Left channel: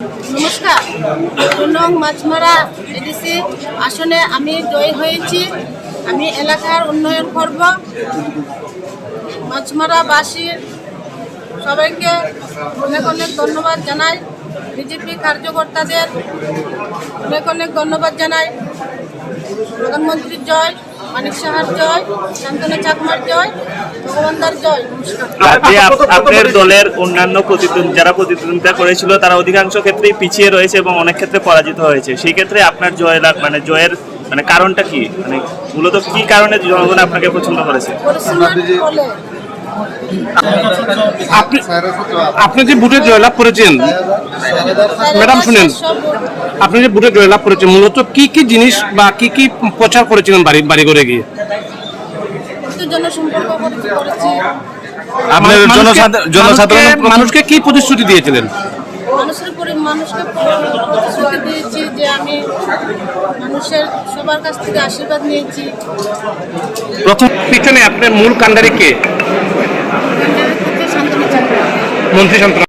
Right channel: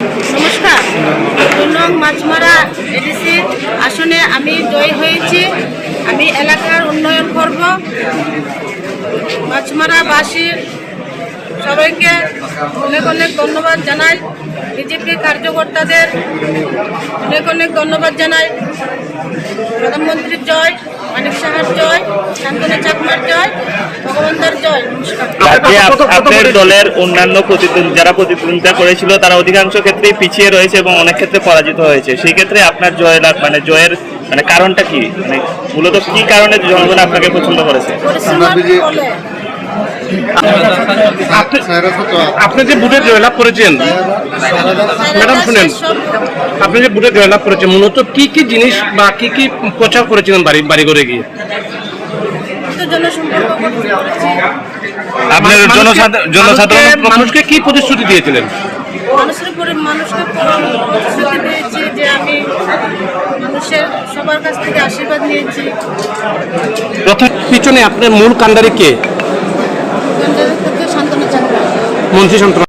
নমস্কার। 2 নং মাছমারা এডিসি আসনে আমি জয়ী হয়েছি। আমি এলাকার উন্নয়ন করব। মাছমারাবাসীর সবাইকে অনেক অনেক ধন্যবাদ জানাই। বিজেপি কার্যকর্তাদের অনেক অনেক ধন্যবাদ জানাই। প্রধানমন্ত্রীর জয়, মানিক সাহার জয়, শান্তনু চাকমার জয়, ভগবানদার জয়। নমস্কার। রাজ্যে আপনার দলের অন্যান্য যারা প্রতিদ্বন্দ্বিতা করেছিল তারা অধিকাংশ ক্ষেত্রেই পিছিয়ে রয়েছে এবং অনেক ক্ষেত্রে পরাজিত হয়েছে। সেই ক্ষেত্রে আপনার জয়ের কারণটা কি? মূলত কি কারণে জনগণ আপনাকে পছন্দ করেছে? আপনি যে ভোটে জয়লাভ করেছেন, ম্যাডাম শুনেন, আপনি যে ভোটে জয়লাভ করেছেন মূলত কি কি জিনিস বা কি কি প্রচার করেছিলেন বাড়ি ঘরে গিয়ে? জনসম্পর্ক করেছি। আপনার জনসাধারণ মানুষকে কি প্রতিশ্রুতি দিয়েছিলেন? মানুষকে প্রতিশ্রুতি দিয়েছি যে আমি মানুষের সবার কাছ থেকে আশীর্বাদ নিয়েছি। প্রথম পিছনে আপনার মূল কাণ্ডারি কে? শান্তনু চাকমা মন্ত্রী শান্তনু